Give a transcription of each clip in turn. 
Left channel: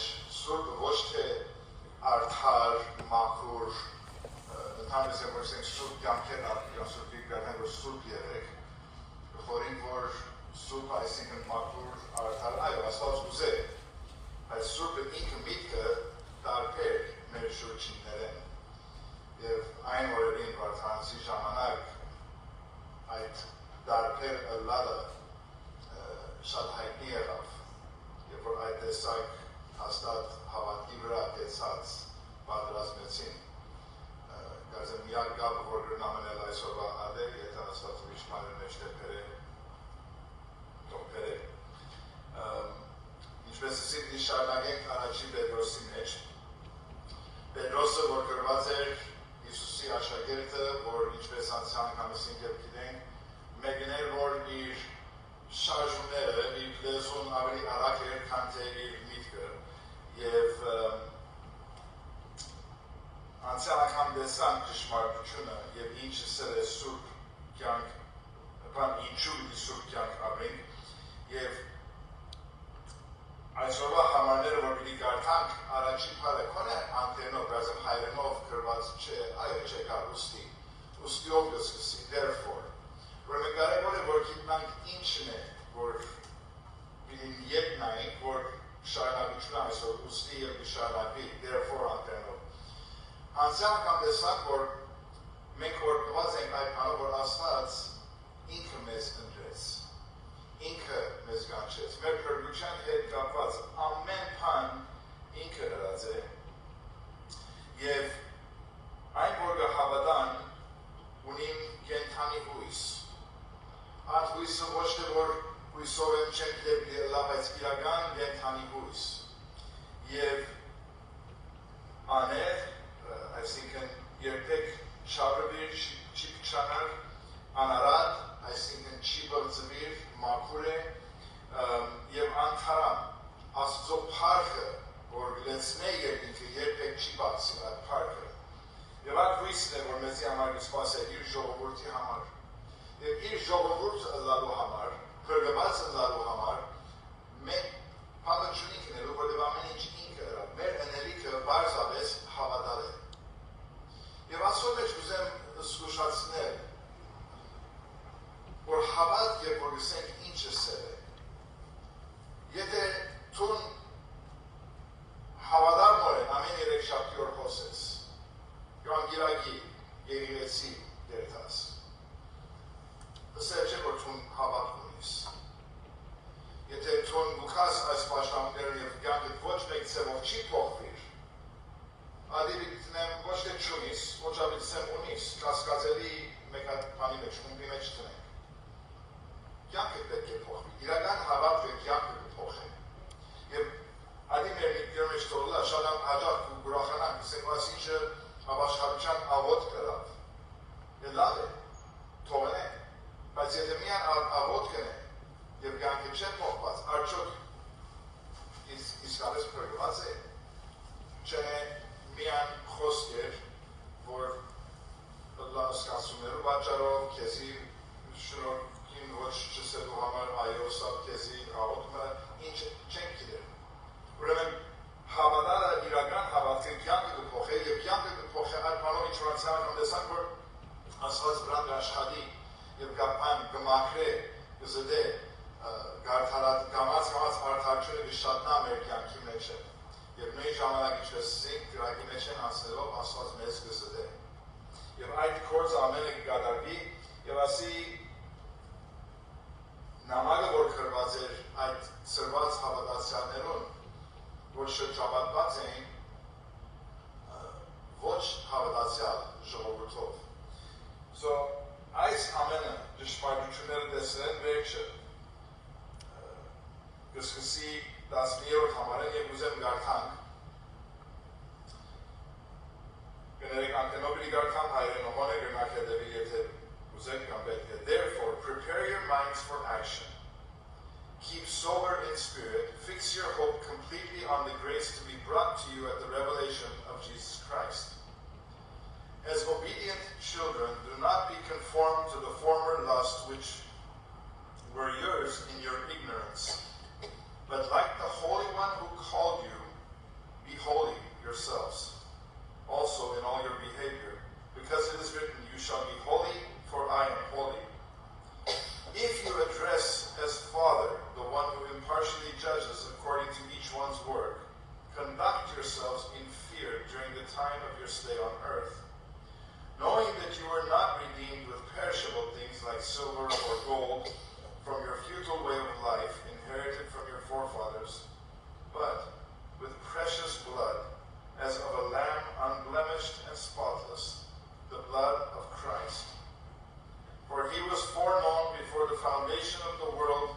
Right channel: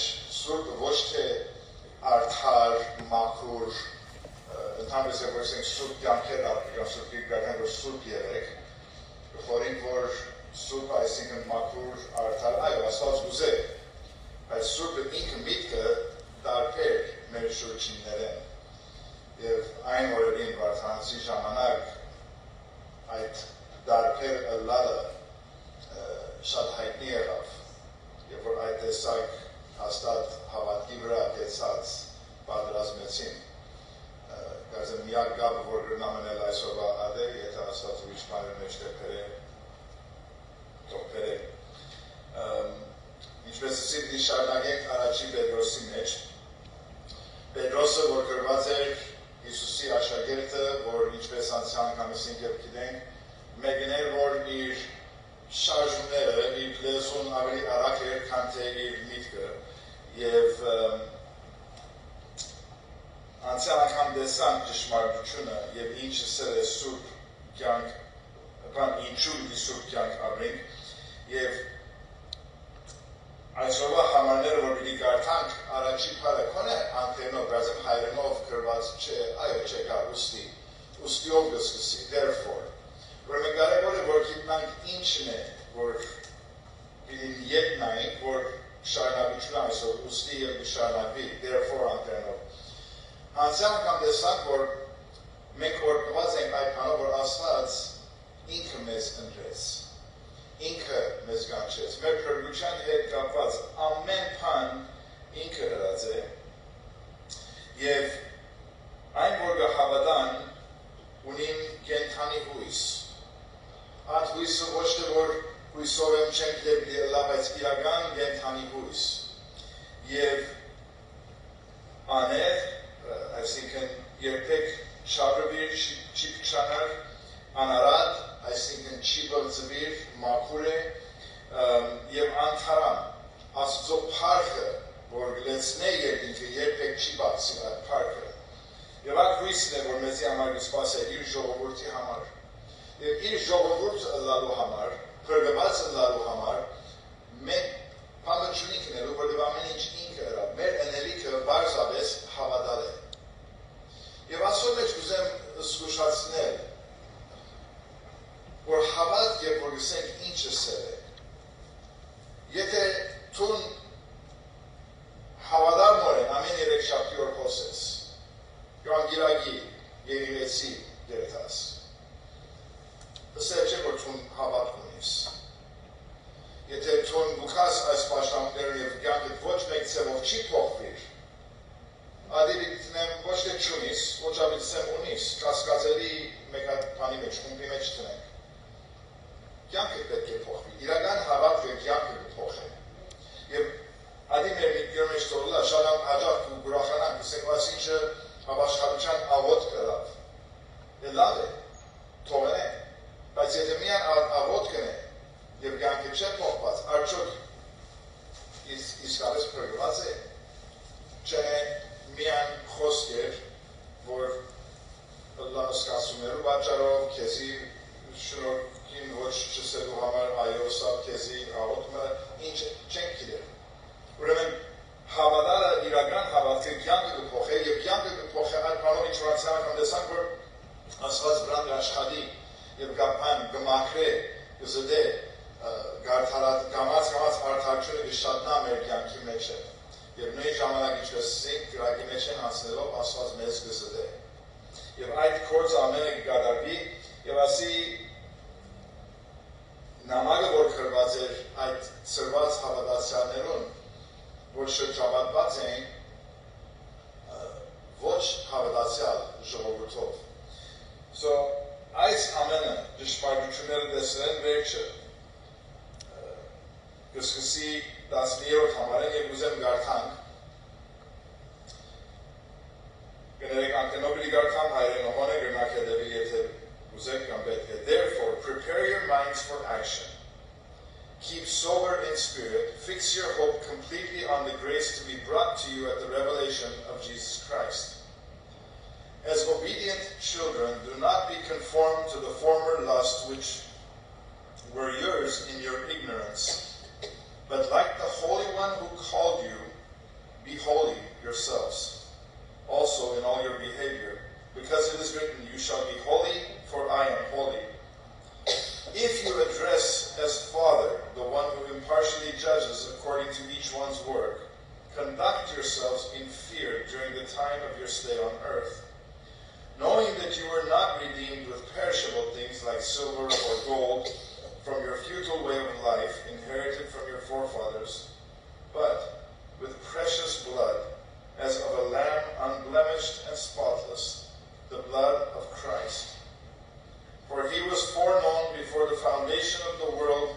մեջ սուրբը ոչ թե արդար, մաքուր, ընդհանրապես երբ որ սուրբ կյանքեր արկական սուրբ գիրգական որ սուրբ եղեք, խորին որ սուրբ այսինքն մաքուր, արդար, այո, Աստված ուզե, բայց սուրբը ինքը միտքը տարբեր մեր շուրջիններեն և այն օրերին վարդանցի ժամանակ այդ տարբեր ըլլալը շատ հայտնի եղավ, երբ որ այդ տեսակ հաստատ հավատքի վրա կեցած պատրազմեցին, կարծեմ միակ գաբը, որ գրնա մնել այսօրվա ադե, եթե Աստված ուրիշ բաներ մեջտեղ բերե, թող բերե։ Ինչպես ասի շարունակենք առաջին Պետրոսի մեջ, Պետրոսը, որ գրված էր Հիսուսի աշակերտը, որ ինչպես անցյալ անգամս եւ գիտենք, մեկն էր, որ իր շարժումները, իր լեզուն ավելի արագ էր, քան թե իր միտքը, եւ անցյալ անգամ տեսանք ճշմարտությունը եւ ինչը սեր է սուրբ կյանք, բան ինչու պիտի սուրբ կյանք ապրենք եւ այսօրվա համարները, որ պիտի կարդանք, առաջին բառը քոնե անգլերենով, բացեմ հայերենով գրված չէ, այո, չէ կար, ուստիով գսկսի, therefore, ուրեմն կարևոր է, որ գիտնանք ինչն է, որ պիտի ետնայինք, որ շարունակություն այսօր ուստի եւ շարունակվի, therefore անգլերենով։ Անցյալ անգամ տեսանք, որ մենք օրգնված ենք այդ բանով, որ Աստված ինքը մեզ ընտրեց, ինքը մեզ կանչեց, մեր փրկության հետ կապված ամեն բան ինքը հրած է եւ այն որ հավատան ունին կենթանի հույս, այդ հույսը ոչ թե որ հույսով եմ չենք դեպի լավ, բայց իրական կենթանի հույս եւ աներ, այսինքն երբեք շարժվիր, չի փչանար, անարատ, այսինքն չի բլծվիր, մաքուր է եւ անթարամ, Աստծո փառքը, որ գլեցնե երկինքը երբեք չի բացի այդ փառքը։ Եվ այդ հույսն է, որ մեզի համար կսպասել իր ժողովրդի համար։ Եվ իր ժողովուրդը ըլլալու համար, փրկված ըլլալու համար, մենք բանը չունենք նելու, որովհետև ամեն ինչ ինքը հրավ, մեր ընելիքը բարձրապես հավատալ է։ Եվ այսօր մեջ կուզեմ զգուշացնել, որ հավատ երբ որ գսենք ինչը սեր է։ Եթե տուն հավատալմորեն ամեն երեք շաբթի օր խոսես, կամ գիրագի, երիրեցի երթաս, ըսել չէ, որ տուն հավատ ունիս։ Եթե տուն գուքաս այս պաշտամներն և կյանքդ ոչ մեկ ծևով չի փոխվիր, ադի դիտնեմ ոչ թե չունիս, ոչ ավիցեմ ունիս, կասկածելի մեկ այդ բանի մեջ, խումբի մեջ տնենք։ Կյանքը պետք է փոխվի, իրական հավատ և կյանքը կփոխի։ Եվ ադի մեր միտքեր մեջ թողլա, շատ հաջող ու գուրախանանք, ասենք այս ինչը հավաշխատության աղոտ կրավ։ Դե լավ է, թողնենք, բայց եթե միան աղոտ կնե և կյանքը չէ փոխված, արդյոք իսկապես փրկված է, չէ միան խոսքեր, որ սկացումներու պատճառով քեզի շնորհքին ոչ չսելու համար այո սա քեզի աղոթումը ինչ չենք գիտեր։ Ուրեմն հավատալը իրական հավատքը կյանքը կփոխի եւ կյանքը կփոխի այդ բանով ինչ որ անցյալ անգամ տեսանք որ Աստված վրան աշխատի եւ կապան կմաքրե կզդե գամած արդարությունը կշատնա մեր կյանքի մեջ եւ նույն ժամանակ ինչպես ասենք գրակի մեջ են անցնելով Աստված մեզ կզդե եւ այդ կորձ ամենը կկատարվի եւ ասի նամակը որ գրված էր այդ ծրված հավատացյալներուն որ շրջապատված էին ոչ հավատացյալ ժողովրդով So այս ամենը ճշմարտությունները տեսնեն վերջը կսկսի 10-րդ համարեն եւ ուզեմ գարթանք կներեք անկենոբիլի գարթամ հայրենողոն է գրնակ հետևի եթե ուզեք կամ պետք է Therefore, prepare your minds for action. Keep sober in spirit, fix your hope completely on the grace to be brought to you at the revelation of Jesus Christ. As obedient children, do not be conformed to the former lusts which were yours in your ignorance, but like the Holy One who called you, be holy yourselves, also in all your behavior, because it is written, you shall be holy, for I am holy. If you address as Father the one who impartially judges according to each one's work, conduct yourselves in fear during the time of your stay on earth, knowing that you were not redeemed with perishable things like silver or gold from your futile way of life inherited from your forefathers, but with precious blood, as of a lamb unblemished and spotless, the blood of Christ. For he was foreknown before the foundation of the world,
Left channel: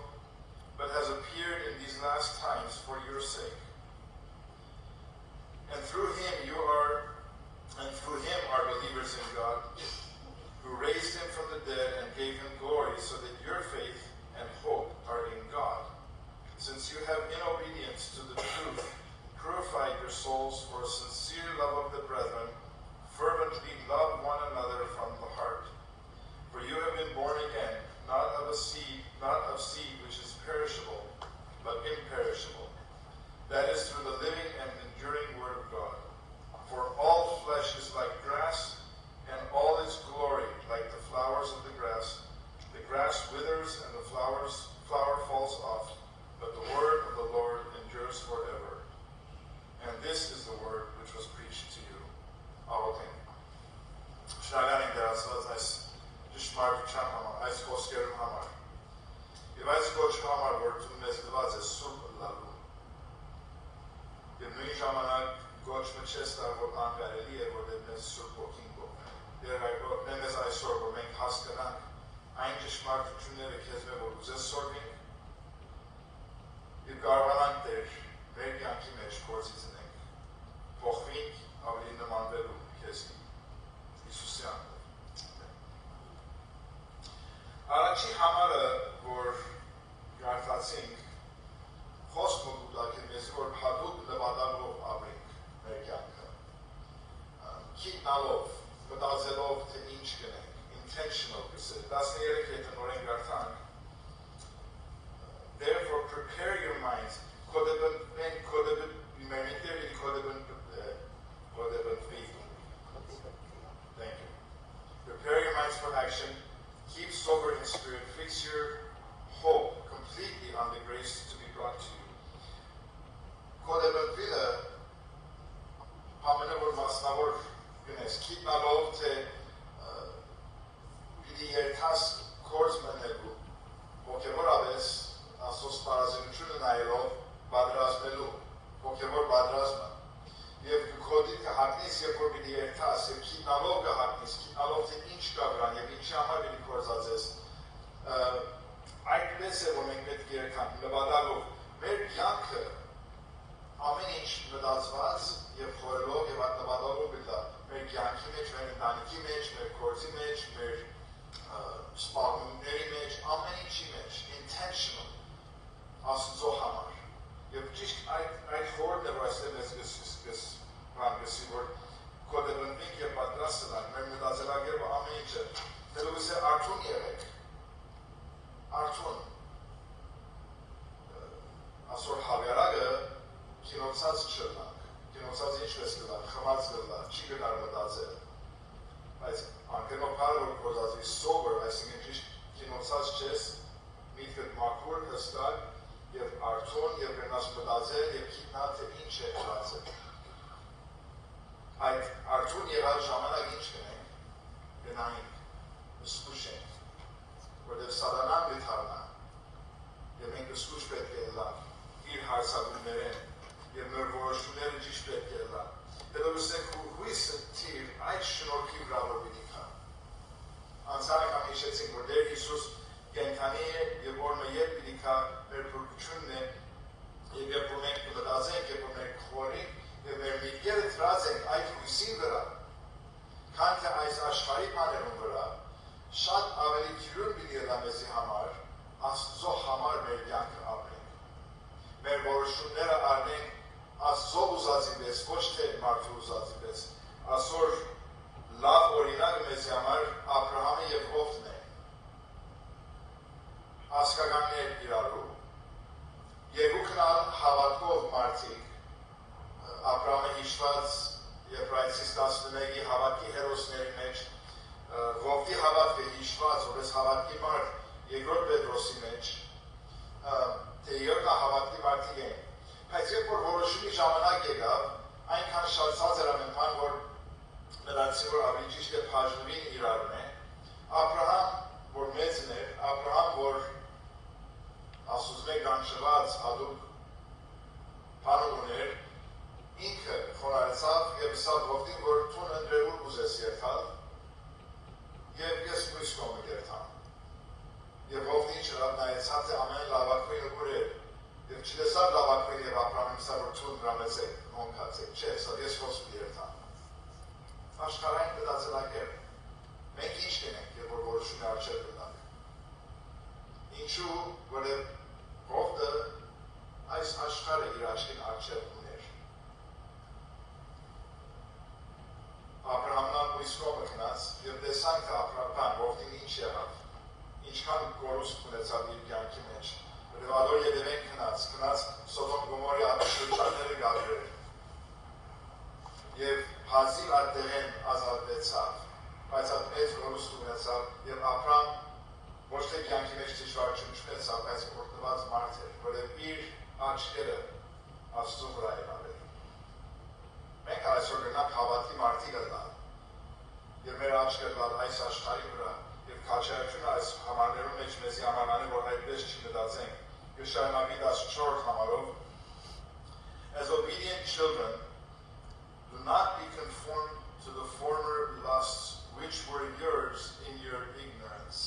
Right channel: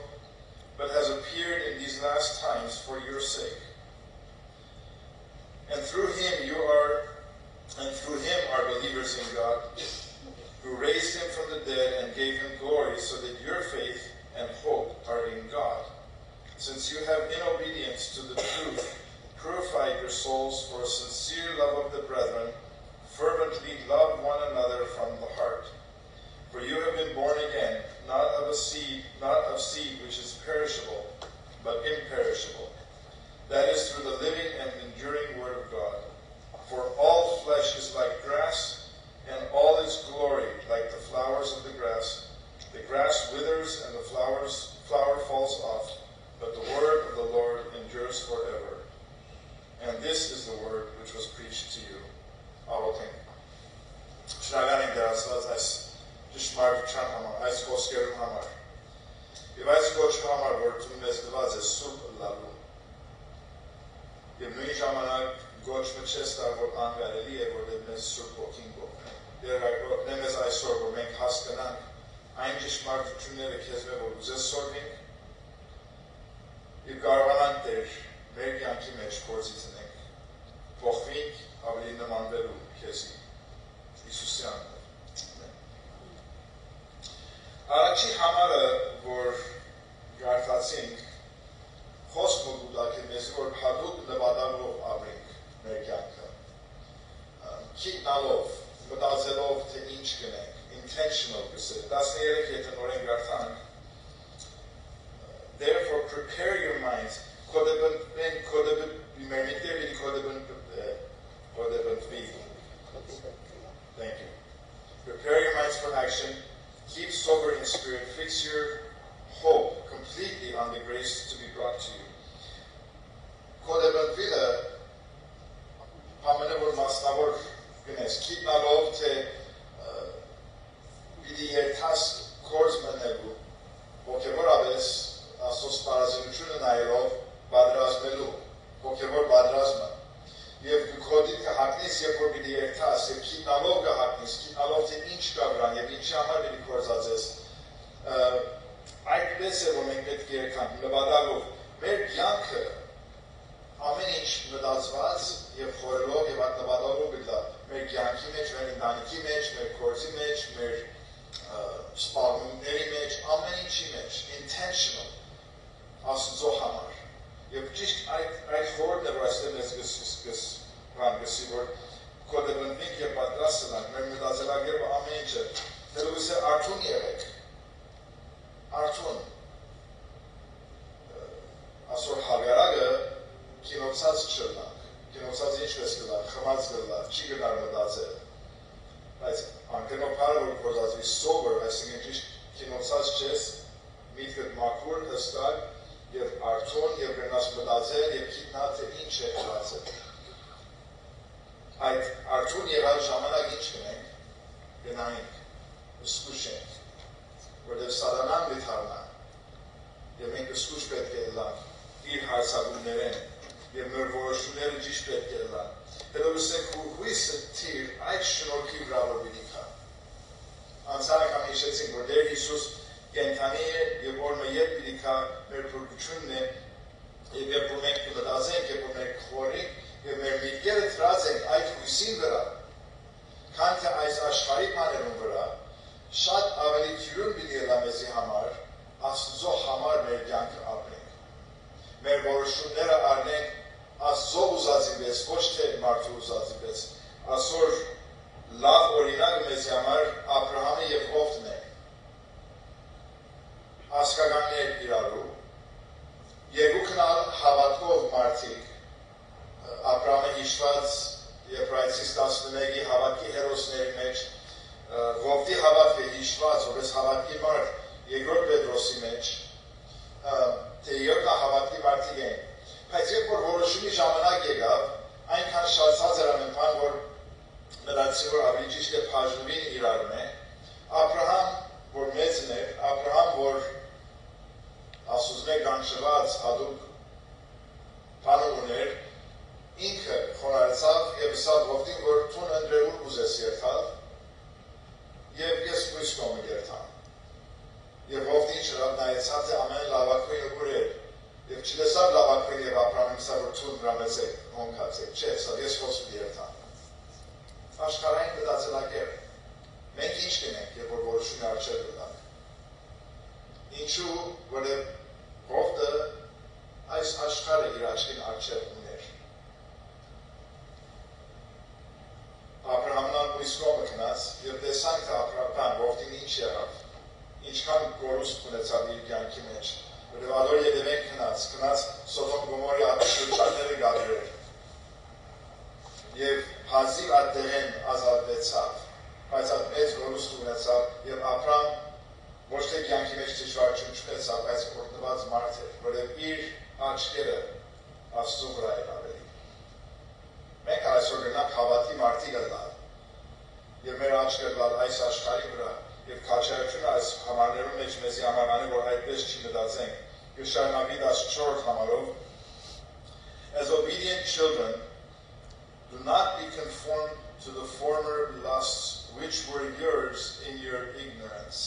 but has appeared in these last times for your sake. And through him are believers in God, who raised him from the dead and gave him glory, so that your faith and hope are in God. Since you have, in obedience to the truth, purified your souls for a sincere love of the brethren, fervently love one another from the heart. For you have been born again, not of seed which is perishable, but imperishable. That is through the living and enduring word of God. For all flesh is like grass, and all its glory like the flowers of the grass. The grass withers and the flower falls off, but the word of the Lord endures forever. And this is the word which was preached to you. Աղոթենք. Շնորհակալ ենք Տեր Աստված այս ճշմարտության համար, այս խոսքերու համար։ Եվ այս կոչի համար, որ դու մեզ տված ես սուրբ լալու։ Եվ նույն ժամանակ կոչը չես տար, որ անգարելի է, որ մեզ սուրբ ոգին գողնի։ Տեր այգոտնե մեզ այսօր, որ մենք հասկանանք այն ճշմարտությունները քեզ մեր որ ուզես սորվենք, եւ կարողանանք Տեր մեր կյանքի մեջ գործի ծնենք, փոխվենք ավելի նմանվելու քեզի, Հիսուսի անունով։ Առաջի համարը, որ գարտացինք, խոսք մոդուլակի մեզ, որ հատուկ նվադալով ապրենք մեր կյանքը, քիտնալով, մտածելով, թե ինչ գնենք, intentional գսել, 13 եթե նորեն գարտանք, therefore prepare your minds, Thank you. Prepare your minds for action. Keep sober in spirit. Fix your hope completely on the grace to be brought to you. Keep my love to be the task course manegu. Hokevor aves asos parazimchune nailov badrazmelu. Hokevor badrazma. Եվ կոդի կհակնես, երբ որ պիտի երթաս, և քիտնալով կհակնես, քիտնալով թե ինչ կաբրան, և ինչի համար պիտի կործածես, այդպես է, որ մենք պետք է երթանք, նվադալով, մեր կյանքը ամեն ինչ մտածված և խորելով և նվադալով պիտի մեր կյանքի մեջ, մեր ընտանիքի մեջ, մեր գործի մեջ, մեր սպառնումների մեջ, ամեն ինչի մեջ, intentional, Աստծո համար։ Եվ ճիշտ այդ խորհուրդն է, որ այստեղ մեզ գսի, որ կոդեբնվենք և պատրաստ ենք, մեր մտածելակերպը ամեն ինչը, դերուս է արդուն եղեք, արդուն, ասոր հավյարակը կինոցած չլանք, կինոցած ինչպես կլանք, խմած կլանք, չի գնար մտածել, բայց անկենով հարը, որ կոզածվի sober, այսինքն ճիշտ կինոցած չես, միտքդ մաքուր, հստակ, և արդուն, և գնաս մտածել, և քիտնալ, թե ինչ է հրացել։ Այդ արդուն եղած ժամանակ ինչ գնենք, գնայինք, սկուշենք, որտև սատանան վիթարնա, և մենք սկուշ պետք է լան իր հարցակումներեն, և մեր որոշումները ճիշտ պետք է լան։ Դերովս է հույսը թիր այդ շնորհքի վրա որ պիտի կա։ Անցան անգամ հիշեցինք, որ Տեր Հիսուս կենդանի է և որ ետ պիտի կա մեր փրկությունն է, և երբ որ մենք մտածենք, երբ որ մենք խորենք, և մեր միտքերը թրած ենք այդ հույսին վրա, քան թե այս աշխարհի բաներուն վրա, շատ ավելի թյուրուն պիտի ելա մեզի համար, Աստծո համար մեր կյանքը ապրենք։ Մեր որոշումները առնենք Աստծո ուզածի պես, ոչ թե մարդու ուզածի պես։ Այսօր լավ օրինակը մեզի համար Աբրահամը և Հովն է։ Ասկականներ իրարու, երկուքն ալ հավատքով մարդիկ, որոշումի ժամանակ եկավ, այնքան շատացած էր ամեն բան, որ նրանցի որ ավելի ճիշտ է բաժնվին իրար մե, Աբրահամ, որ մեծն էր, Աբրահամ, որ ասուզմ է գանչված հատուկ բանը ուներ, ինքը խոնարհացավ և ասավ որդին, որ տուն ընդրելու ուզես երթալ, և ես մույս կողմը երթամ։ Եվ որդին շրավ նայեցած է ամեն լավակույնը ուր էր, և չլեսավ լավակույն և Աբրահամին սա, որ տուն դրամեց է հոնքած է, չէ, սա ես խոսում երթամ։ Աշխարհային մտածելակերպ, մենք ինչ կնենք, երբ որ որոշումի առջև գտանք։ Ինչու, որև ողդը այս աշխարհը իր աչքին առջև ուներ։ Աբրահամն մույս կողմը գնաց և տեսանք թե Աբրահամ ողդին ինչ եղավ, ինչքան կորուստ ունեցավ իր կյանքի մեջ, որև ադոր ետևեն գնաց Սոդոմ Գոմորի շրջանները գարեր և հազիվ այդտեղեն ազատվեցավ, բայց այդ մեծ գորուստ ունեցավ և Աբրահամ ոչ թե կյանքի մեջ դժվարություն չունեցավ, բայց օրհնված մարդ էր, որև իր աչքերը Աստծո վրա էր ավելի։ Մենք այսօր գնանք հավատի մարդիկ ըլլալ և մեր աչքերը լալ այս աշխարհի վրա և քաջայությունը այս համարներում մեջ մեզի համարանի, որ այդպես չի մտածենք, և շարունակի 14 համարով As obedient children, do not be conformed to the former lusts which were yours in your ignorance.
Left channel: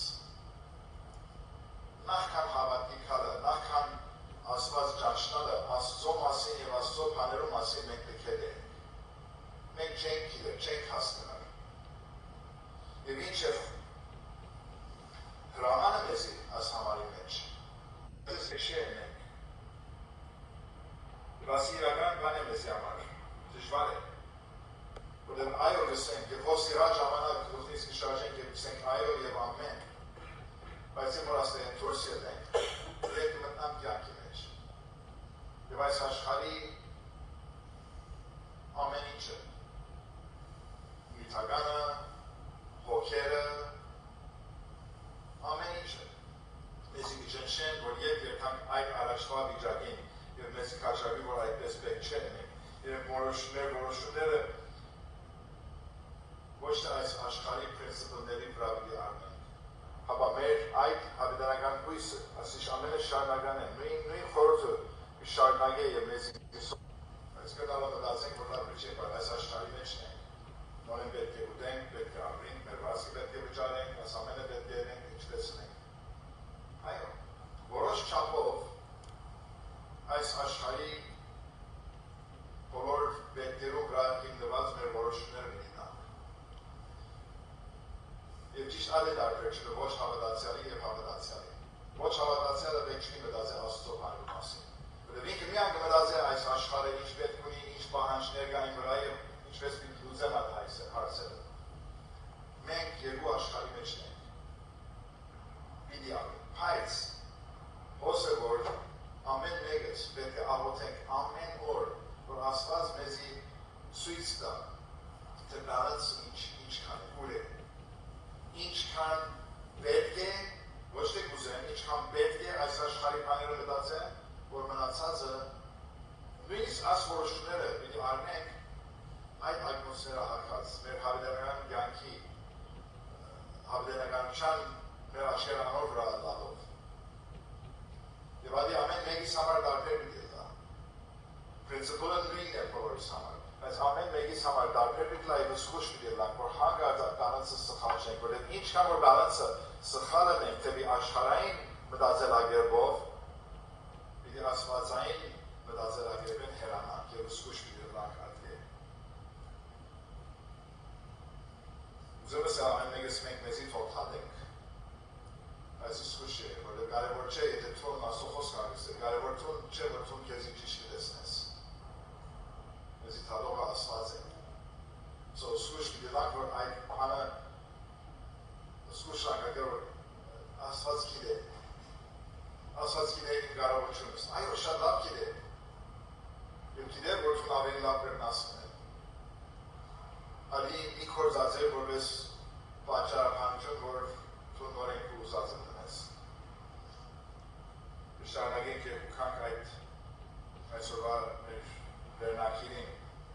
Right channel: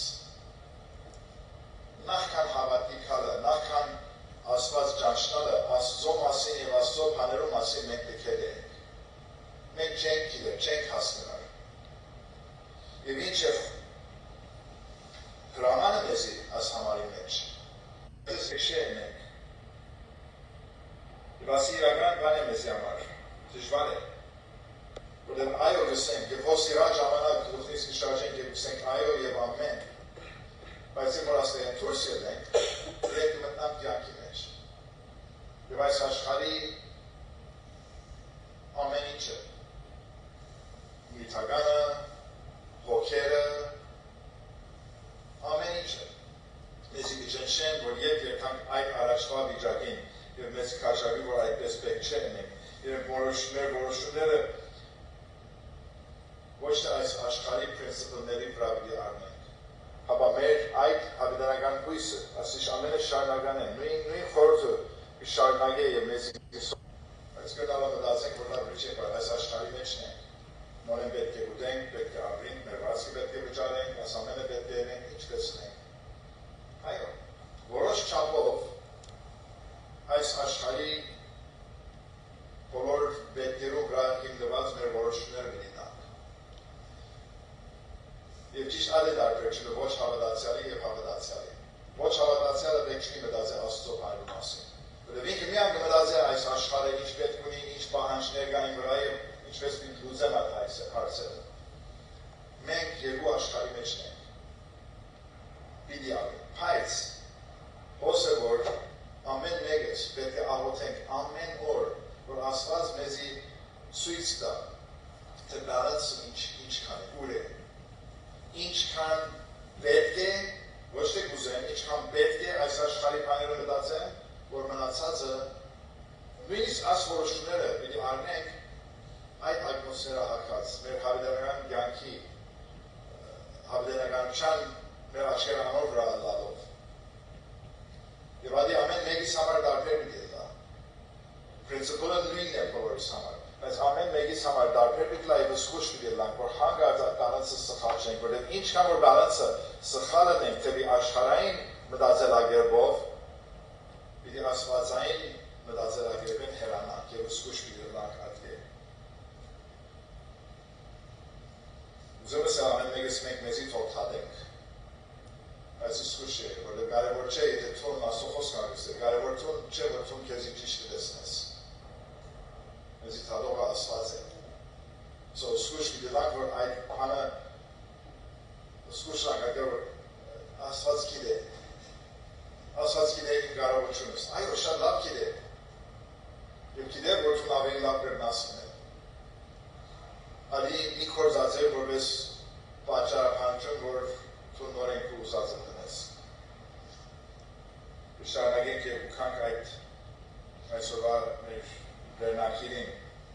Նախքան հավատի կալը, նախքան Աստված ճանչնալը, Աստծո մասին և Աստծո բաներու մասին մենք լքել ենք։ Մենք չենք գիտեր, չենք հասկանալ։ Եվ ինչ է հրամանը մեզի այս համարի մեջ։ Ես հեշեն ենք։ Եվ ասի իրական բան է մեզի համար, դժվար է։ Որտեղ այո գսենք, և հոս իրան ժամանակ լուխնիսկ շարժենք և գսենք այո և ամեն, բայց եմ որ ասլեն թուրս ելենք, իրենք մտնամ կյանքի մեջ։ Եվ այս աշխարհի ամեն ինչը, նյութականը, հոգերը, ամեն ինչը, մեզի կճնշեն, որ ետ երբանք այդ առաջվա վիճակին և մեզ կաշավի, որ այդպես պետք չեն ենք, և որոշումները ոչ թե այս աշխարհի պրինցիպլների վրա պիտի առնենք, հապա մեր այդ հավիտենական հույսը, ասիշ ամենը շարունական է, նույն խորհուրդը կշարունակե և մեզ բայց գնալը մտածենք, որ լավ չէ, բայց այս աշխարհի մեջն ենք, նորեն պետք է ուտենք, պետք է ապրենք, մեր վազքի պետք է վճարենք, այս ամենը պետք է ենք, ինչպես ենք։ Այո, որոշ չափով այս աշխարհի բոլոր պետքերու վրա հիմնված մեր որոշումները կլինենք։ Եվ ճիշտ այդ է տարբերությունը ոչ հավատացյալի և հավատացյալի։ Ոչ հավատացյալը պետք չի մտածել Աստծո բաներու մասին։ Որտեղ ինքը միայն կմտածի այս աշխարհը ինչ պետք ունի, ինչ պահանջներ կային վրա և ինչպես պիտի լուծեմ այդ հարցերը։ Մենք երկու աշխարհի մեջն ենք։ Պիտի ապրենք, բայց հոսը որ ամեն մեկս պետք է աղոթենք ամեն օր, որ Աստված մեզի ցույց տա, թե բալանսը ինչքան է, ուր է, ինչքան պետք է, ոչ թե կուզեմ, ինչքան պետք է այս աշխարհի բաները մտածեմ, որ մնացածը նույնիսկ այս որոշումները պիտի առնենք այդ ատմոսֆերա հակած, մեր հավիտենական կյանքի, հավիտենականության մեր աչքերանոր վրա լալով։ Եվ ադի ամեն մեկիս համար դարբեր պիտի լա։ Պրինցիպոլը նույնն է բոլորիս համար, բայց ամեն մեկիս համար դարբեր պիտի լա և զգուշ պիտի լանք, որ հանգարց այդ բալանսը սխալ չենք, որտեղ ինչքան որ բալանսը սխալ ենք, թեպի աշխարհային մտածելակերպով, պիտի աստվածային մտածելակերպեն հեռանանք և զգուշ պիտի լանք այդտեղ։ Ուզում ես ամեն մեկս մենք մեզի թողթադենք, բայց զգուշ է, որտեղ կարևոր չէ, եթե թողն Աստծո խոսքը անգստել, կարևոր թողն չէ, որ թողն քեզի ճիշտ կտեսնես։ Մեզի թադողը Աստված է։ Զգուշ պիտի լանք, որ այդ բանը զգուշ լանք, որ Աստված գիտե։ Աստված գիտե իմ կարողությունս։ Այո, շատ լավ գիտե։ Եվ գիտե, որ թուն ավելի լավ կրնասն է։ Ալի մի կործած է, որպես պատճառաբանություն, որ թուն նորենք ու ուզածը տնես։ Շարունակենք և ուքանք այդ այսօրվա մեր վերնակիրին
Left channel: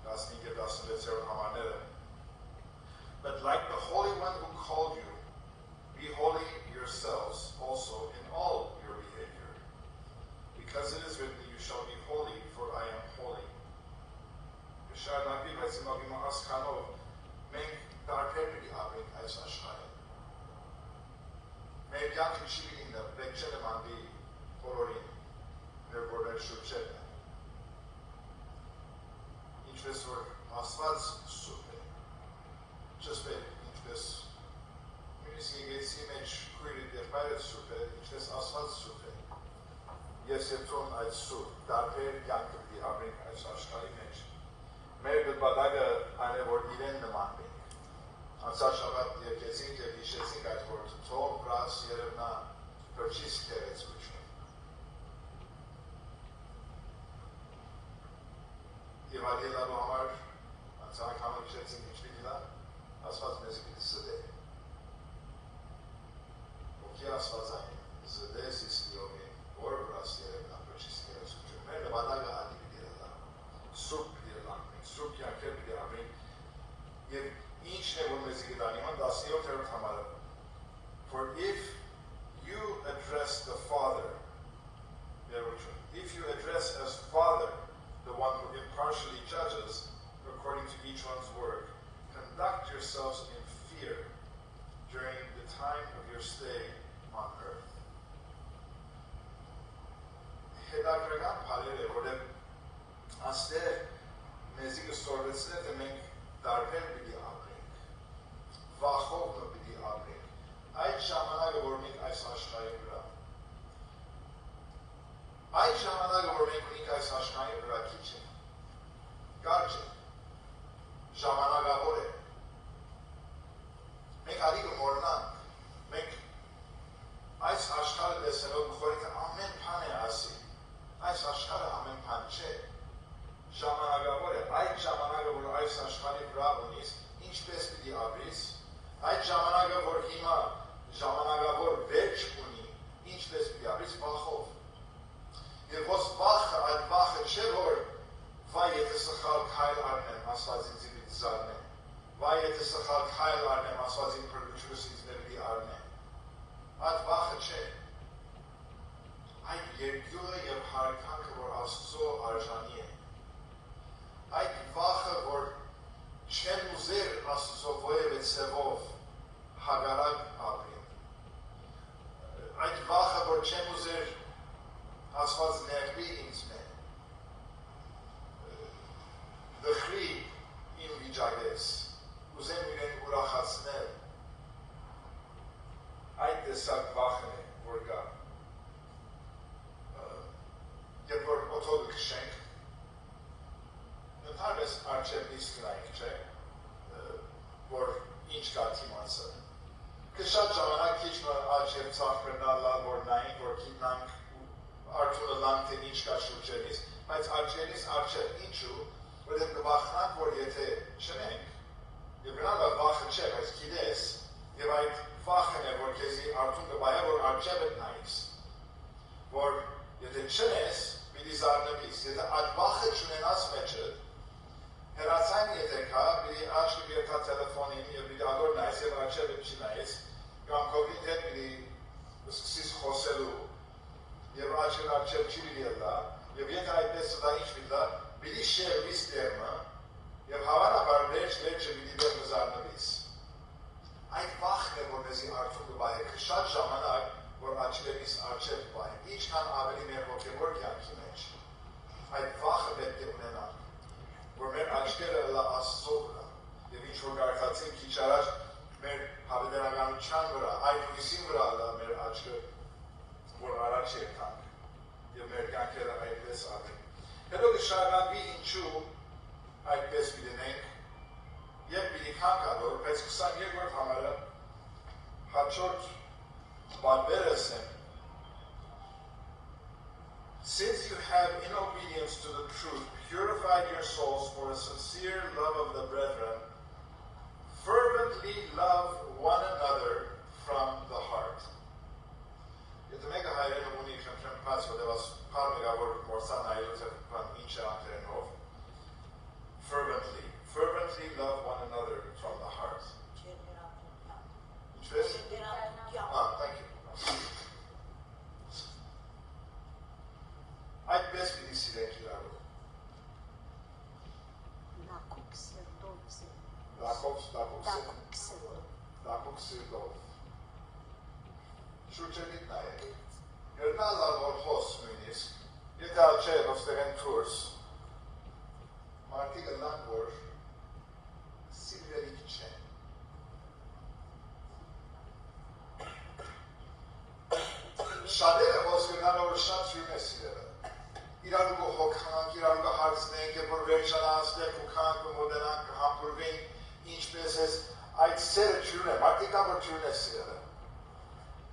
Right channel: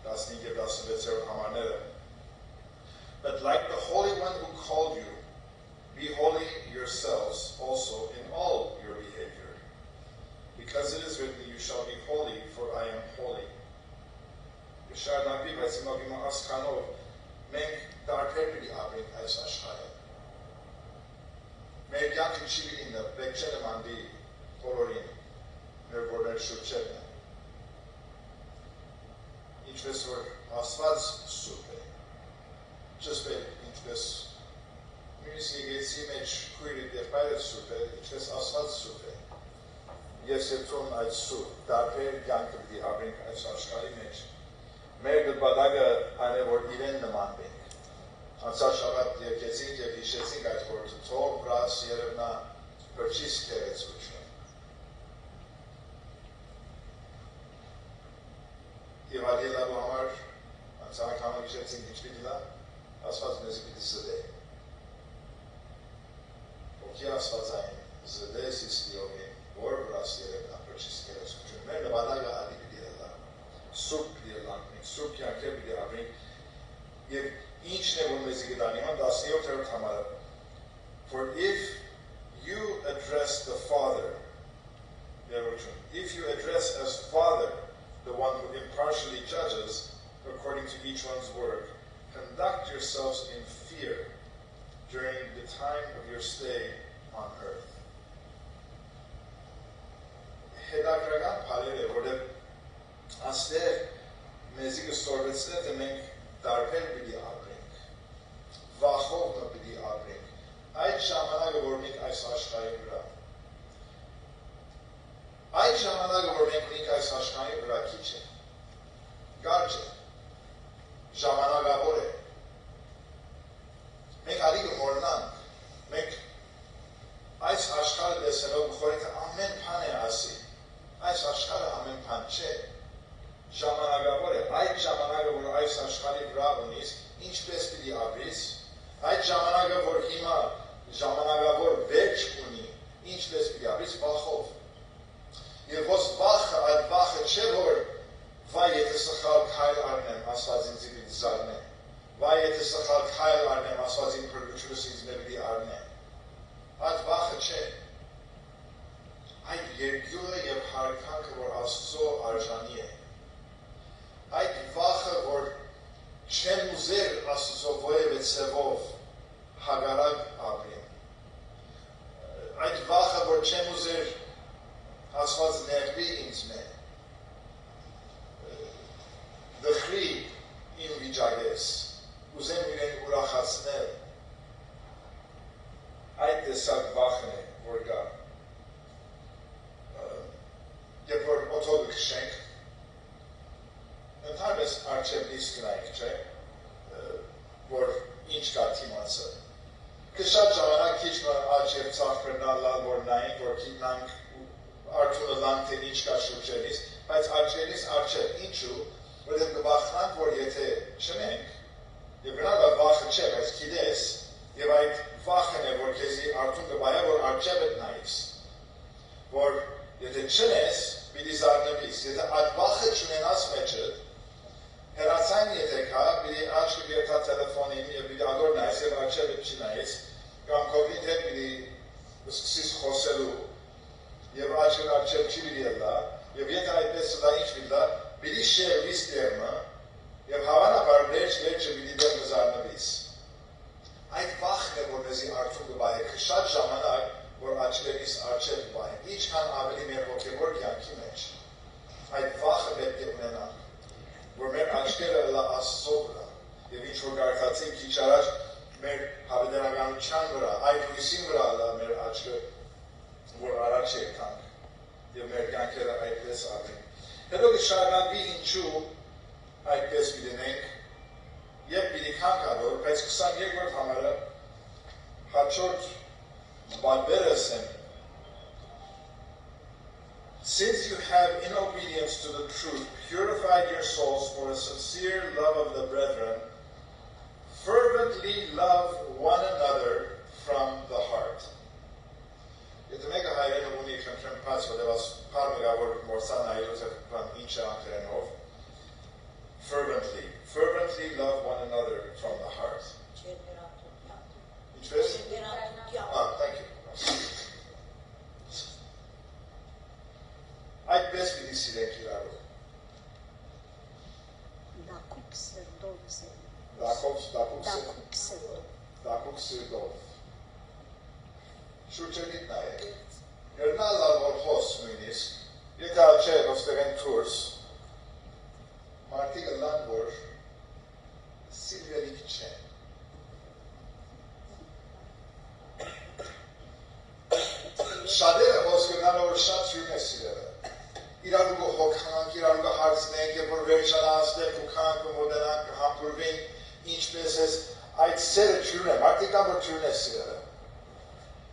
15-16 համարները. But like the Holy One who called you, be holy yourselves also in all your behavior. Because it is written, you shall be holy, for I am holy. Շարունակվի, բայց հիմա ասքանով մենք տարբեր պիտի ապրենք այս աշխարհում։ Մեր կյանքը չի պիտի նը, պետք չէ նմանվի բոլորին, մեր որ մեր շուրջերն է։ Ինչպես որ Աստված սուրբ է, ճշտել ինչպես նույնիսկ եկեղեցի մեջ քույրի եղբայրը սուրբ է, ինչպես Աստված սուրբ է։ Ես եթուն այդ սուրբ, տարբեր կյանքը պիտի ապրենք այս աշխարհի մեջ։ Մեր գլբադագը այն է, որ իրեն նմանվենք։ Անցած շաբաթ եկեցինք և հիշեցինք այդ խորհուրդը, թող վրաս երևնա բրչիս քերեցություն։ Եվ այդ ելալու համար անցանք համար հիշեցինք ինչ պիտի լա, Աստված մեզ պիտի զդե։ Ոգի Աստվածային զդե սիստիովի, որ վրաս երևնա բրչիս քերեցություն։ Մեր գլբադագը ադի պիտի լա, սուրբ պիտի լանք։ Սուրբ կյանքեր պիտի ապրենք և ինչն է որ մեզի գտանի ման 17-րդ համարը For if you address the Father if you address as Father the one who impartially judges according to each one's work conduct yourselves in fear during the time of your stay on earth Հետաքրական բառեր է որտեղ աստեղ մեզի կստորվեցնել թե մենք տարբեր պիտի ապրենք, վախով պիտի ապրենք, այդ ժամանակը, որ մենք այս աշխարհի վրա, այդ ժամանակը, որ մենք ունենք այս աշխարհի վրա քիչ է, կարճ է, ժամանակավոր է, մենք արի կմոռնանք, մենք այս աշխարհը տեսնելով գխորի թե ամեն բան է ասի, այս աշխարհը ամեն բան չէ, ժամանակավոր է, այդ ժամանակը, որ այս աշխարհի վրա ունիս, ինչպես պիտի ապրիս, այդ ժամանակը, որ հիմա ժամանակավոր վերջ ունի, ինչպես պիտի ապրիս, վախով։ Եվ ոս վախը, այդ վախը չէ, որ վայ եթե սխալ քայլ առնեմ, Աստված ինձ պիտի զարնե, վայ եթե սխալ քայլ առնեմ, Աստված ինձ փրկությունս ինձ պիտի առնե, այդ վախը չէ, այդ երկյուղը և հարկանքը, որ Աստծո արժանի է, այդ վախը, որ չեն ուզեր Աստծո ովև է ծևով հագարակ ապրին, այդ վախը, որ չեն ուզեր Աստված ներվի ինձ մե, դխրի իմ վիճակես, ուզեմ իրեն ուրախացնել, այդ տեսակ վախն է, որ կա, երբ որ օթոդը կշենք, Ընդհանրապես արջև իսկ նայք, չէ, որ ինչ կա թիմացը։ Կշատ ժամանակ քիչ աջ և ծախ կրնալալ, որ նայինք, որ կիտնանք արդյունը լանք, թե ինչ կա շուրջերից, բայց արջերից արջև, ինչու, որև կվախնանք, որ եթե չնենք, և գնալը վախը չէ, բայց կիդես, և այդ վախն է, որ կեզի արդյուն կբայա, որ արջևդ նայիս, որ եթե չնես, պիտի զարնվիս, եթե այդ վախը չունենաս մեջդ, Հերացային եթե կա, պիտի աչքը գերտա տելեֆոնին և պիտի ադոր նայես և արջևը չի նայես, կամ կողնիտ հետ պիտի սկսիս խոսելու և աչքն արջև չի պիտի ելա, և եթե այդպես դա ինչ պիտի դա, պիտի շեղվիս դերմը և հավանաբար վերջը պիտի դերմը զարնվիս։ Այդ վախն է, որ մեզի արդյուն կբայեք, շատ ժամանակ, որ աչքերիս արջև կբայեք, ինչքան ավելի մեր հոգևոր կյանքի մեջ, այդ վախը պետք է ունենանք, որ մեր աչքերը լա Աստծո վրա, և ինչ որ կարդացին քիչ առաջ մեր հավիտենականության վրա, այդ հույսին վրա լա մեր աչքը, որ առաջ եկանք, և մեր կյանքերը այդպես ապրեն։ Հետո կշարունակվի ինչու այդպես պիտենենք, և պիտի քանքադոր, բայց 22-րդ համարը հաջորդ բանվերս եմ, Since you have, in obedience to the truth, purified your souls for a sincere love of the brethren, fervently love one another from the heart. Եթե մեկը հայերենով ունի խնդրեմ բաց, որտեղ փառմիրավոր մորսան այլոց ինչ է անգլերենով, fervently love one another from the heart. Ինչպես? Thank you. Այդպես պիտի սիրենք իրարու։ Դակուկ սիրտով։ Շուրջերիտ նայեք։ Գրնալար որ հոս նույնիսկ, եկա չէ ոստեղեն կուրս, մարդիկ լան որ սիրվելիք չեն։ Շատերը ոնց գնալը որ շատ սիրուն է սիրելը։ Իրարու հոգանք, իրարու հարցնենք, երբ որ վերջանացնենք ու կանք ու մոդենանք համբուրվին, ինչպես ես այդ սերը չյուն է, մարդիկ կան որ չյուն է սիրելը։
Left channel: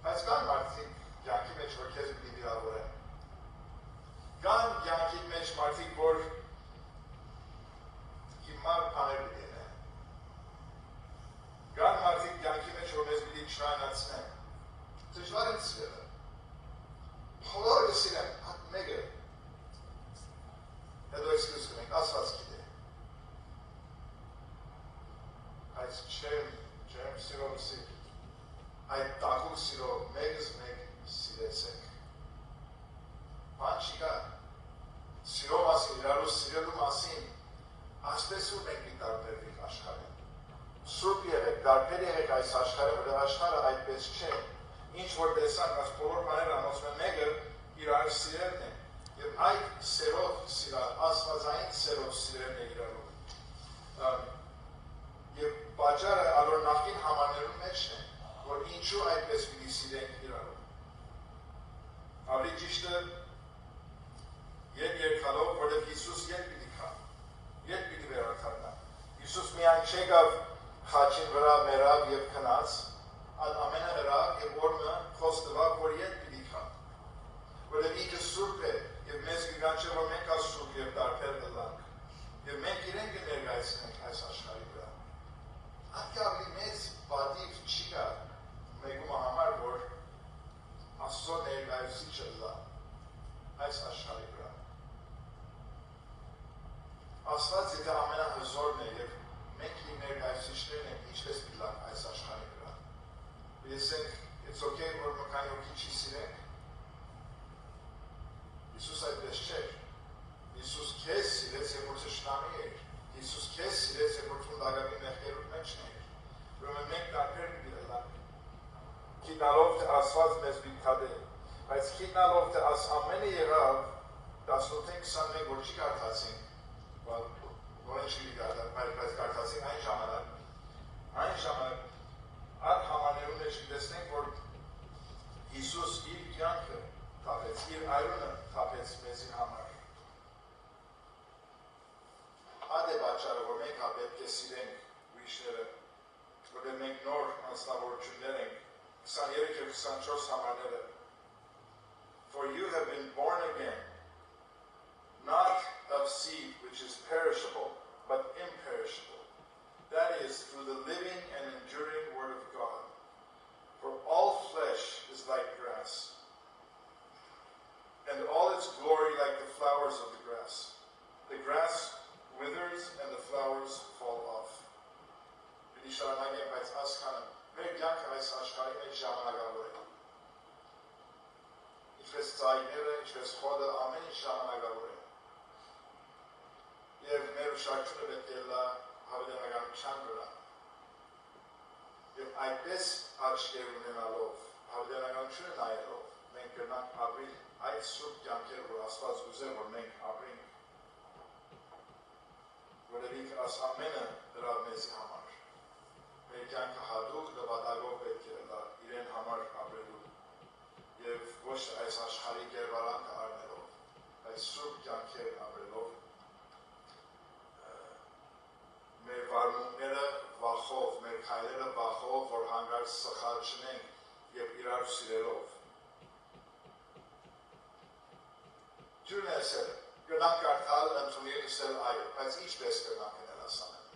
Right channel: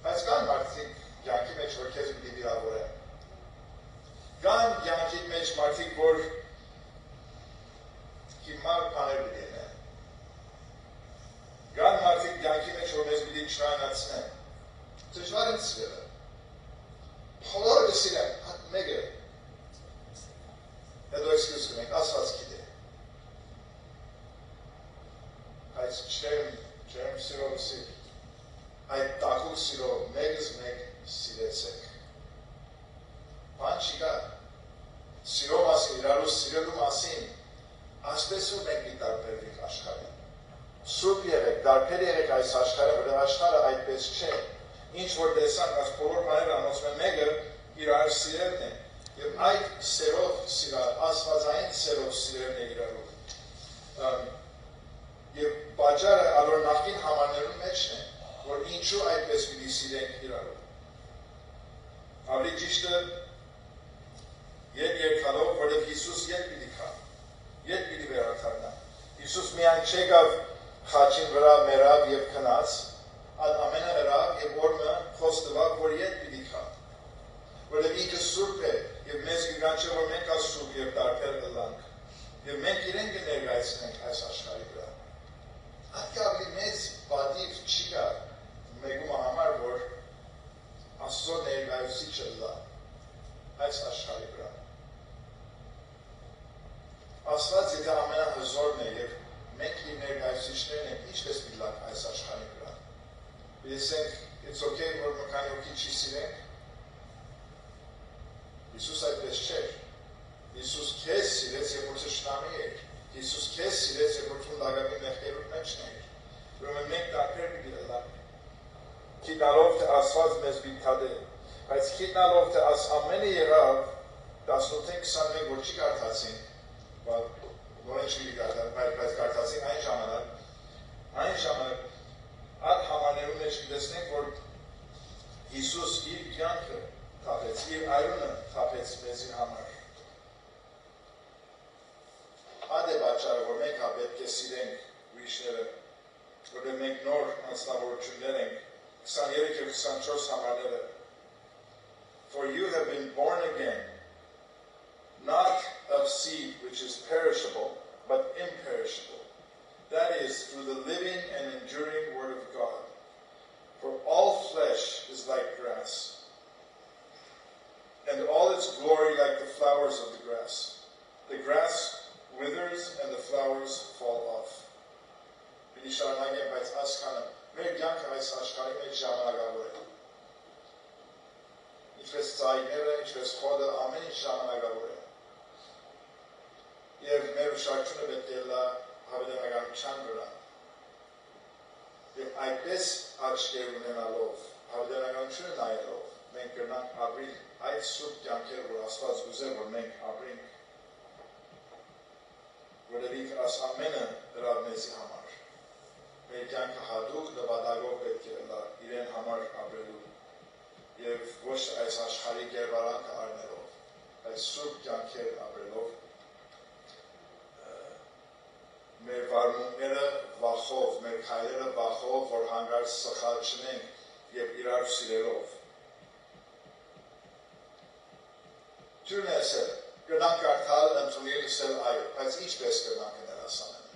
Բայց կան մարդիկ յանքի մեջ որ քեզ պիտի վիրավորեն։ Կան յանքի մեջ մարդիկ որ հիմար բաներ պիտի ենեն։ Կան մարդիկ յանքի մեջ որ մեզ պիտի չայնացնեն։ Դժվար են սիրելը։ Բոլորը կսիրեն, հատ մեկը։ Հետո էսքյուզ կնենք, ասված գիտե։ Այս չեմ սիրով սիր։ Այդ տակուկ սիրով մեկս մեկ սիրեցեք։ Բան չկա։ Սիրո մասին, իրարու սիրելու մասին, ասպես ու մենք մի տարբերվիկ աշխարհին։ Սուրբ եղեք, տարբեր եղեք այս աշխարհը, որտեղ աշխարհը այդպես չէ։ Ինչ որ տեսանք, այս բոլոր բաները անոնցում են մեկը իրար սիրելն է։ Եվ այդ սերով սիրալ, ասվածային սերով սիրելն է իրարու։ Եվ բաժարը ալոր նախին համարներում մեջն է, որ ինչու այդպես պիտի սիրենք իրարու։ Ավելի ճիշտը ետ երկալով, որև Հիսուս ետ պիտի կա, ետ պիտի վերակարնա։ Հիսուս միայն չեկավ խաչին վրա մերավ և կնաց, ամենը մերավ և որմը խոստվակ, որ ետ պիտի կա։ Որև ինքը սուրբ է, և մեզ գգան չէ, որ մենք ա սուրբ և տարբեր դլանք, և մենք իրեն կներգայցնենք այս աշխարհի վրա։ Ատկա ավելի մեծ բադիվ չի կա մեգում համար, որ Աստծո ներգայացուցիչը լա այս աշխարհի վրա։ Աստված եթե ամենահզորն է և մենք իր ներգայացուցիչներն ենք, ինչպես մի լավ այս աշխարհի վրա։ Տեսենք, it's okay, որ մկանի հոգի չի սիրենք։ Հիսուս այդպես չէր։ Հիսուս քեզ սիրեց, երբ որ թշնամի էր։ Հիսուս քեզ սիրեց, երբ որ թուն լագավի մեղքերուտ մեջն էր։ Ուրեմն մենք տարբեր պիտի լանք։ Գիտալով թե Աստված մեզ պիտի թադե, բայց գիտալով թե ամենը եղավ 18-21 որ չի կարդացին, նորեն չի բայց կարդացին այն ժամանակ այդ համարներում մեջ կտեսնենք, որ Հիսուս իր կյանքը թափեց, իր այրունը թափեց մեզի համար։ Այդ է պատճառը, որ մենք պետք է սիրենք ուրիշները, որտեղ մենք նոր անձնավորություններ ենք, 23 և 24 համարները։ For you have been born again, not of seed which is perishable, but imperishable. That is, through the living and enduring word of God. For all flesh is like grass, and all its glory like the flowers of the grass. The grass withers and the flowers fall off. Պիտի շարունակեմ, բայց ասկանը մեր կյանքը այս աշխարհի մեջ ժամանակավոր է։ Ինչպես ծայրերը, ինչպես խոդը, ամեն ինչ ժամանակավոր է։ Եվ մեր ուշադրությունը պետք է լա հավիտենականության վրա։ Եվ այդպես աչքեր ունենալով, հավիտենականությունը նայելով, մենք կրնանք ապրիլ այդ սուրբ կյանքերը, որ Աստված ուզե, որ մենք ապրենք, որև ինքը աս ամենը դրավ մեզի համար։ Մեր կյանքը հատուկ նպատակով պետք է լա իրեն համար ապրելու և ոչ այս աշխարհի կերպարանքը առնելով, այս սուրբ կյանքեր ապրելով, մեր վարմունքները վախով, մեր քայլերը վախով, որ հանկարծ սխալ չնենք և իրար սիրելով։ Թյուրն է ասել, կրնանք կարդալ ընդունել ասել այո, բայց ինչպես կրնանք գնել ասանեն։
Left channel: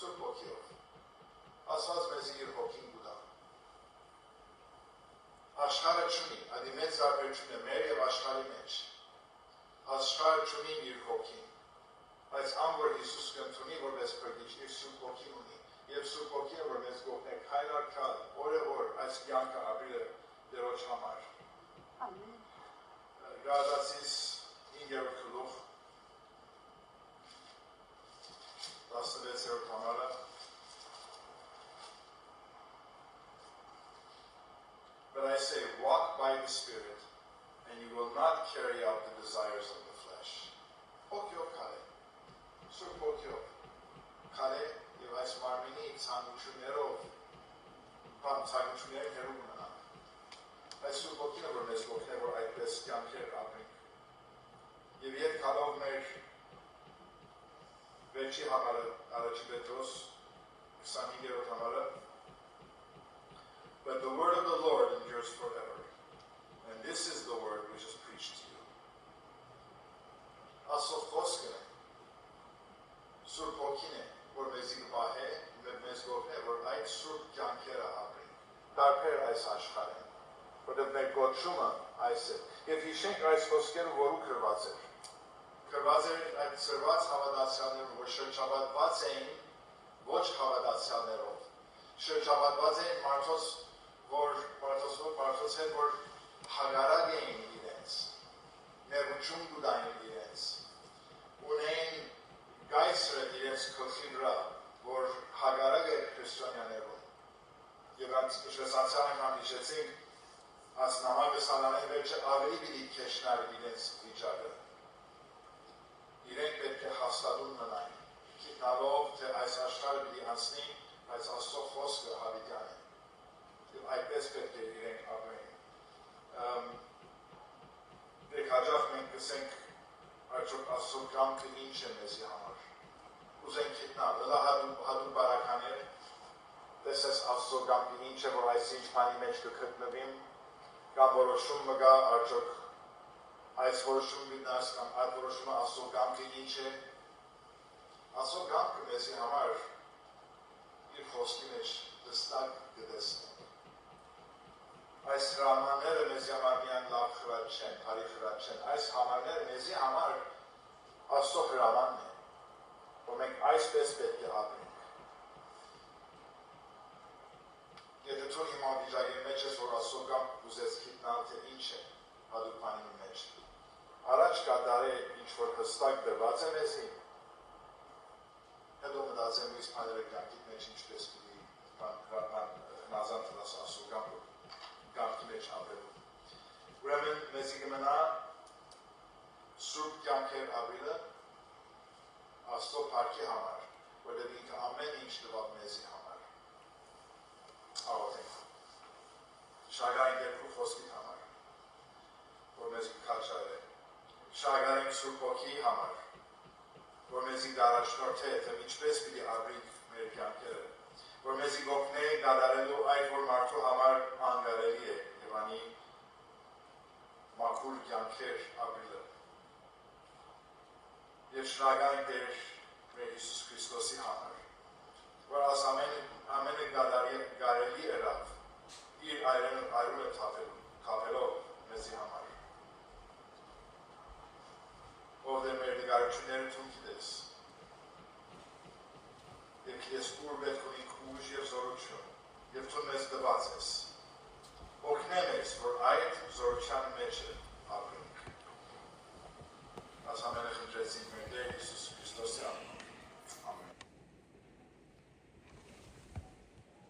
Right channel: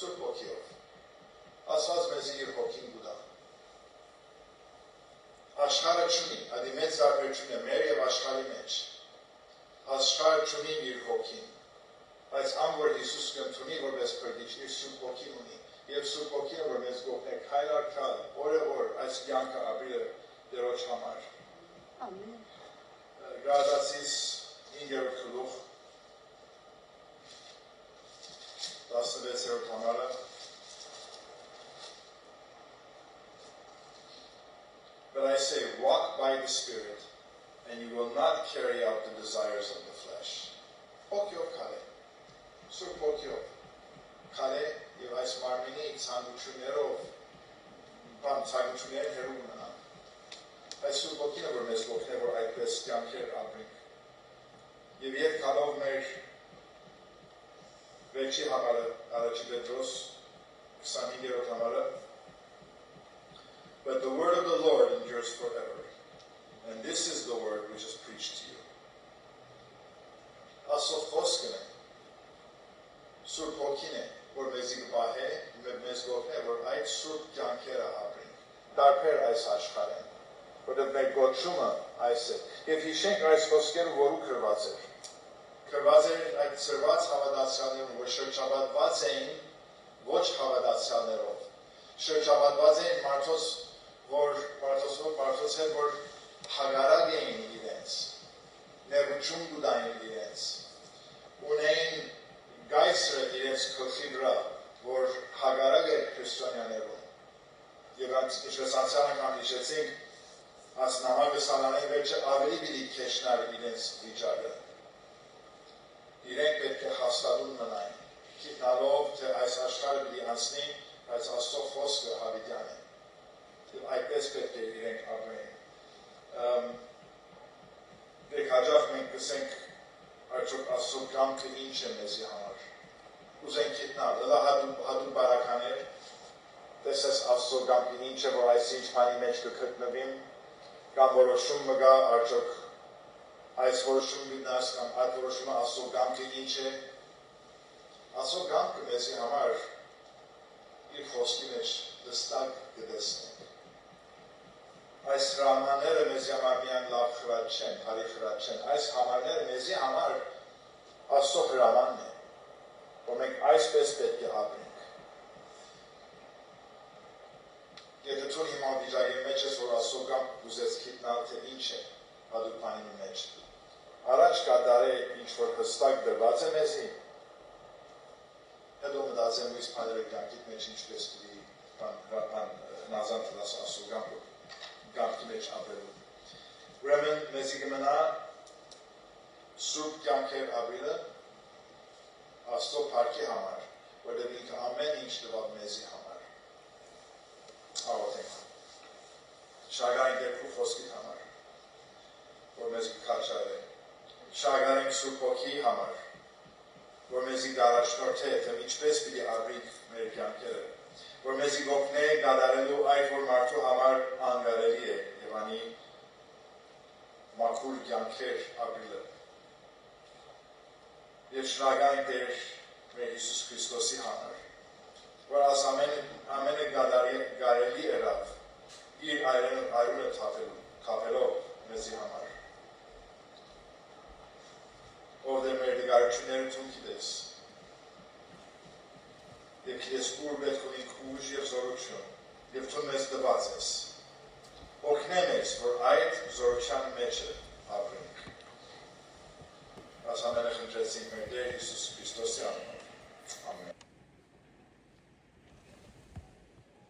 Սուրբ հոգիով։ Աստված մեզ իր հոգին գուտա։ Աշխարհը կայունությունը մեր եւ աշխարհի մեջ։ Աշխարհը ունի իր հոգին, բայց ան որ Հիսուս կընդունի որպես փրկիչ իր սուրբ հոգին ունի, եւ սուրբ հոգին որ մեզ գոհնե քայլ առ քայլ, օրը օր այս կյանքը ապրել Տերոջ համար։ Ամեն։ Գաղատացիս 5-րդ գլուխ 16-րդ համարը But I say, walk by the Spirit, and you will not carry out the desires of the flesh. Hokyo kale. Sur hokyo. Kale, եւ այս մարմինի ցանկություններով բան ցանկություններ հերու ունենա։ Այս սուր հոգին որ մեզ օգնի որ այդպես կյանքեր ապրենք։ Եվ երբ գալով մեր վերջի համարը առաջի Պետրոս 25-րդ համարը But the word of the Lord endures forever. And this is the word which is preached to you. Ասով խոսքն է, սուրբ հոգին է, որ մեզի կպահե, մեզ գոհնե, որ այդ սուրբ կյանքերը ապրենք, տարբեր այս աշխարհին, որտեղ մեր գոչումը այս է։ Եվ հիշենք այս խոսքերը, որու գրված էր։ Գրված էր այդ ծրված հավատացյալներում, որ շրջապատված էին ոչ հավատացյալներով, շրջապատված էին մարդոց, մարդոց հետ, որ հագարակ էին իրենց, ներուչում գուդային իրենց, ունեին գայսրը իրենց կողքի վրա, որ հագարակ էր քրիստոնյաներում։ Եվ ինչպես անցյալ անգամ հիշեցինք, այս նամակը սանանայի վերջը ավելի պիտի քեշնար իրենց վիճակը։ Իրենք պետք է հաստատուն մնային, գիտնալով, թե այս աշխարհը պիտի անցնի, բայց Աստծո խոսքը հավիտյան է։ Եվ այդպես պետք է իրենք ապրեն։ Դեք հաջող մենք կսենք արդյոք Աստծո կամքը ինչ է մեզի համար։ Ուզենք գիտնալ, դա հատուկ բարականեր, տեսես Աստծո կամքը ինչ է, որ այս ինչ բանի մեջ կգտնվիմ, կամ որոշում մը գա, արդյոք այս որոշում լինած, կամ այդ որոշումը Աստծո կամքը ինչ է։ Աստծո կամքը մեզի համար իր խոսքի մեջ դստակ կտեսնենք։ Այս հրամանները մեզի համար միայն լավ խրատ չեն, բարի խրատ չեն, այս համարները մեզի համար Աստծո հրամանն է, որ մենք այսպես պետք է ապրենք։ Եթե դու հիմա վիճակի մեջ ես, որ Աստծո կամքը ուզես գիտնալ, թե ինչ է հատուկ բանի մեջ, առաջ կատարե ինչ որ հստակ դրված է մեզի, հետո մտածեմ ույս բաները կյանքիդ մեջ ինչպես պիտի նազան տլաս Աստծո կամքի մեջ ապրելու։ Ուրեմն մեզի կմնա սուրբ կյանքեր ապրելը Աստծո փառքի համար, որտեղ ինքը ամեն ինչ տվավ մեզի համար։ Աղոթենք։ Շնորհակալ ենք Տեր խոսքի համար, որ մեզ կքաջալե։ Շնորհակալ ենք Սուրբ Հոգի համար, որ մեզի առաջնորդե, թե ինչպես պիտի ապրենք մեր կյանքերը, որ մեզի գոհնե կատարելու այդ որ մարդու համար անգարելի է եւ անի մաքուր կյանքեր ապրելը։ Եվ շնորհակալ ենք Տեր մեր Հիսուս Քրիստոսի համար, որ աս ամենը կարելի եղավ իր այրունը թափելով մեզի համար։ Ով դեր մեր դգարությունները դու գիտես, եւ քեզ ուր պետք ունենք ուժ եւ զորություն, եւ դու մեզ տված ես։ Օգնե մեզ, որ այդ զորությունը